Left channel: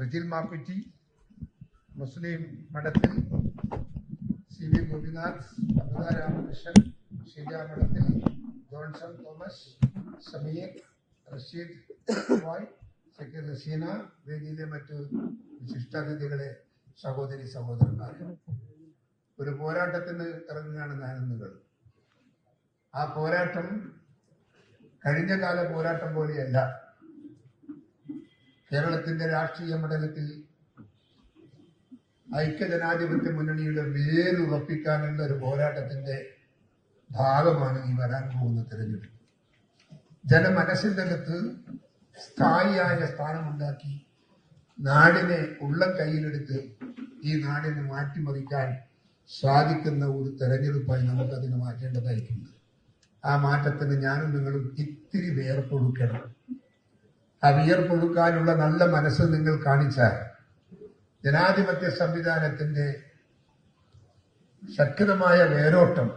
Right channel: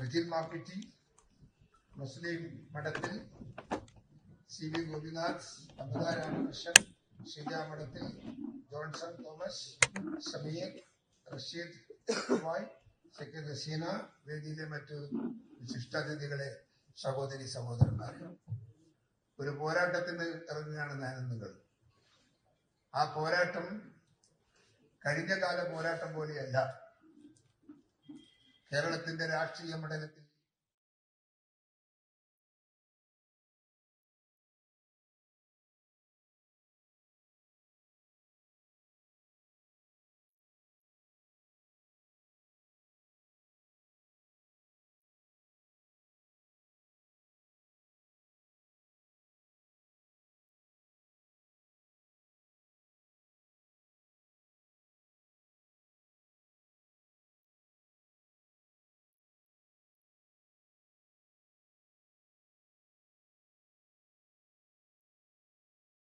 റിജിൽ മാപ്പിറ്റി, മുസ്ലിം മഠത്തിൽ CB ഗോപിനാഥ്, അമൃത രാമകൃഷ്ണൻ, ഷീജ മഠത്തിൽ Johnson Thomas, Sameer, Rasheed വായ്, സെക്രട്ടറി റസീന, വേദിയിലെ മറ്റു വിശിഷ്ടാതിഥികളെ, സഹോദരി സഹോദരന്മാരെ, ഒരു പോരാട്ടത്തിന് ഇറങ്ങുകയാണ് ഞാനെന്നുകൾ. ആ പോരാട്ടം കഴിഞ്ഞ കാല പോരാട്ടം പോലെയല്ല. കേരളത്തിന്റെ രാഷ്ട്രീയ മണ്ഡലത്തിൽ ഐക്യജനാധിപത്യ മുന്നണിയുടെ വേരുറപ്പിക്കാനുള്ള ഒരു പോരാട്ടത്തിന്റെ ഭാഗമാണ് ഈ വരാൻ പോകുന്ന തെരഞ്ഞെടുപ്പ്. ജനമനസ്സിന്റെ അകത്ത് സ്ഥായിയായ സ്ഥാനമുണ്ടാക്കി നാടിനെ ഉള്ളം കയ്യിലെടുത്ത് ഈ നാടിനെ മാറ്റിമറിക്കാൻ സാധിക്കുന്ന ഒരു തെരഞ്ഞെടുപ്പായി നമുക്കതിനെ മാറ്റേണ്ടതായിട്ടുണ്ട്. ആ മാറ്റത്തിന് ഞാനും നിങ്ങളും ഇത്തിരി വിയർപ്പൊഴുക്കണം. ആ വിയർപ്പൊഴുക്കാനുള്ള നല്ല മനസ്സ് നിങ്ങൾ കാണിച്ചാൽ ജനാധിപത്യ സംവിധാനത്തിന്റെ ശക്തമായ വേരോട്ടം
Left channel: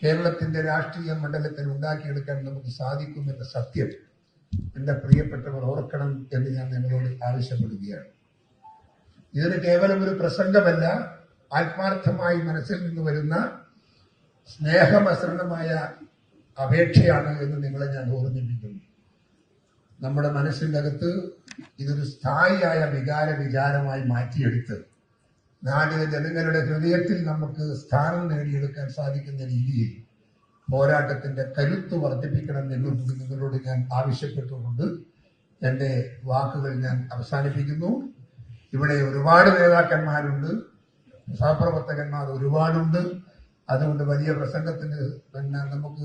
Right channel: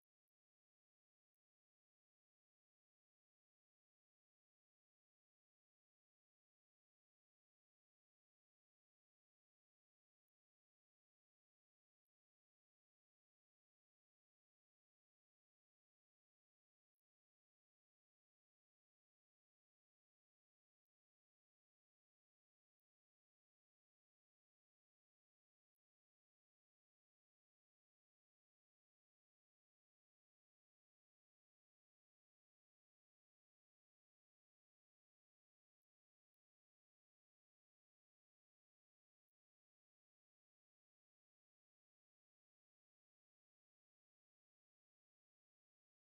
കേരളത്തിന്റെ രാഷ്ട്രീയ മണ്ഡലത്തിൽ ഉണ്ടാക്കിയെടുക്കാൻ നമുക്ക് സാധിക്കുമെന്ന സത്യം എന്റെ പ്രിയപ്പെട്ടവർ ഓർക്കണം എന്ന് ഞാൻ നിങ്ങളോട് ആവശ്യപ്പെടുകയാണ്. ഇതിന് കേവലം ഒരു പ്രസംഗമല്ല, ആത്മാർത്ഥമായി മനസ്സിൽ നിന്ന് വരുന്ന സ്നേഹമസൃണമായ അപേക്ഷയാണ് എന്ന് നിങ്ങളെ ഞാൻ ഓർമ്മിപ്പിക്കുന്നു. നമ്മുടെ മനസ്സിൻ്റെ അകത്ത് ഇതൊരു സ്ഥായിയായ വിചാരമായി മാറ്റിയെടുത്ത് നാടിലെ ജനങ്ങളുടെ ഹൃദയത്തിൽ നമുക്ക് സ്ഥാനം നേടിയെടുക്കാൻ സാധിക്കുന്ന രീതിയിൽ പോരാട്ടത്തിന്റെ കരുത്ത് വർദ്ധിപ്പിക്കണം എന്നുകൂടി നിങ്ങളോട് ഞാൻ ആവശ്യപ്പെട്ടുകൊണ്ട് എൻ്റെ വാക്കുകൾ ഞാൻ അവസാനിപ്പിക്കുന്നു. ഇവിടെ ഒരുപാട് നേതാക്കന്മാരുണ്ട്, സഹപ്രവർത്തകന്മാർ ഒരുപാടുണ്ട്. അതുകൊണ്ട് വലിയ പ്രസംഗത്തിന് നമുക്ക്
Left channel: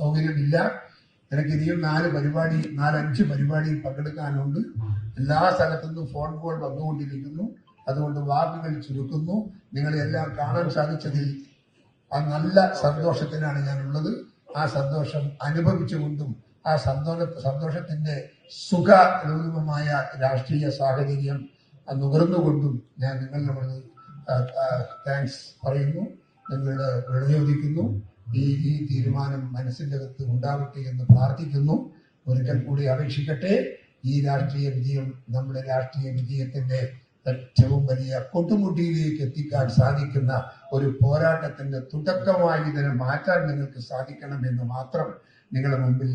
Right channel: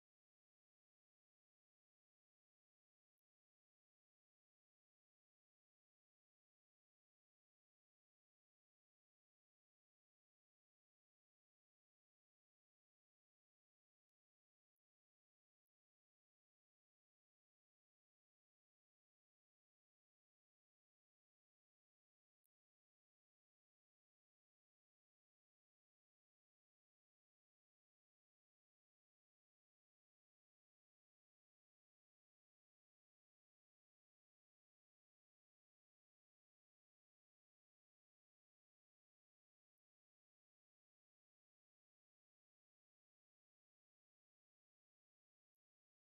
സൗകര്യമില്ല. എനിക്ക് ഇനിയും 4-5 പരിപാടിയിൽ പങ്കെടുക്കാനുണ്ട്. എല്ലാ സ്ഥലത്തുനിന്നും ഫോൺ കോൾ വന്നുകൊണ്ടിരിക്കുന്നു. അതുകൊണ്ട് വാക്കുകൾ ചുരുക്കുന്നു. നിങ്ങളെല്ലാം കാണാൻ സാധിച്ചതിൽ ആ നല്ല സന്തോഷത്തിനാണ് ഞാനുള്ളത്. ആ സന്തോഷം അനുഭവിച്ചുകൊണ്ടും ആ സന്തോഷത്തിന്റെ സുഖരൂപമായ രാഷ്ട്രീയ സാഹചര്യം നുകർന്നുകൊണ്ടും ഞാൻ നിങ്ങളോട് താങ്ക്സ് പറയുന്നു, നിങ്ങളുടെ വിളയോദിക്കുന്നു. ഈ തീരുമാനം മനസ്സിന്റെ അകത്ത് ഉണ്ടാവട്ടെ എന്ന് പ്രാർത്ഥിക്കുന്നു. ഒരിക്കൽ കൂടി അപേക്ഷിക്കട്ടെ, ഈ രാഷ്ട്രീയ വിജയം നമ്മുടെ രാഷ്ട്രീയ വിജയത്തിന്റെ ഏറ്റവും വലിയ കൊട്ടുമുട്ടിയിലേക്ക് എത്തിക്കാൻ സാധിക്കുന്ന ഒരു പോരാട്ടത്തിന്റെ തുടക്കമായി ഇതിനെ മാറ്റാൻ നിങ്ങൾക്ക് സാധിക്കണമെന്ന് മാത്രം നിങ്ങളുടെ മുമ്പിൽ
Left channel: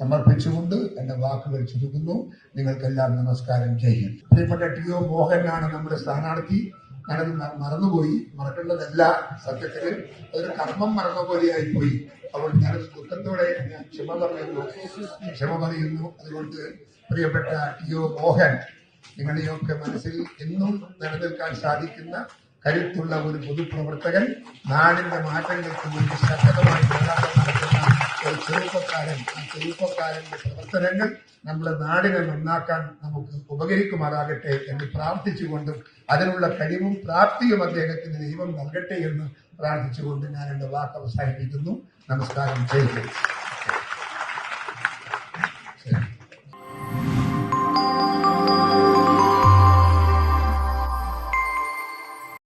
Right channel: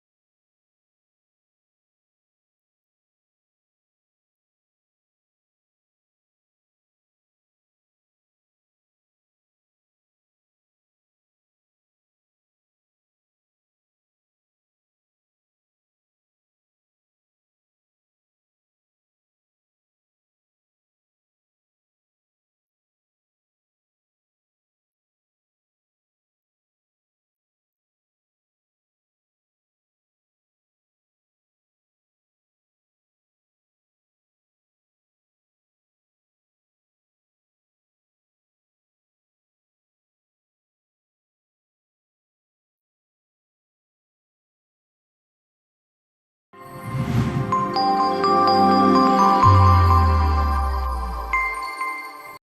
സമർപ്പിച്ചുകൊണ്ട് എന്റെ വാക്കുകൾ ചുരുക്കുന്നു. നിങ്ങൾക്കെല്ലാം നമസ്കാരം ചെയ്യും. പ്രിയപ്പെട്ട TO മോഹനാണ് നമ്മുടെ സ്ഥാനാർത്ഥി. ഞാനത് മറന്നുപോയി. മറക്കേണ്ടതല്ല, സത്യത്തില് ഒരു കർമ്മം മറന്ന പോലെയായിപ്പോയി. അപ്പോൾ ഞാനത് ദുഃഖത്തോടെ ഞാൻ ക്ഷമ പറയുന്നു. അതുകൊണ്ട് പ്രിയപ്പെട്ട TO മോഹൻ, നിങ്ങളുടെയൊക്കെ മനസ്സിൽ എന്നും നിലനിൽക്കാൻ സാധിക്കുന്ന കരുത്തുള്ള ഒരു പൊതുപ്രവർത്തകൻ, നാടിന്റെ മാറ്റങ്ങൾക്ക് വേണ്ടി ശക്തമായി പോരാട്ടം നടത്തുന്ന ഒരു ചെറുപ്പക്കാരൻ. ആ ചെറുപ്പക്കാരന്റെ പ്രവർത്തനങ്ങൾ നമ്മുടെ നാടിനെ നന്നാക്കാൻ നമുക്ക് ഉപകരിക്കുമാറാകട്ടെ എന്ന് പ്രാർത്ഥിച്ചുകൊണ്ടും അതിനുള്ള കഴിവും പ്രാപ്തിയും അദ്ദേഹത്തിന് ദൈവം നൽകട്ടെ എന്ന് പ്രാർത്ഥിച്ചുകൊണ്ട് ഞാൻ എന്റെ വാക്ക് അവസാനിപ്പിക്കുന്നു. നമസ്കാരം. ജയ് ഹിന്ദ്.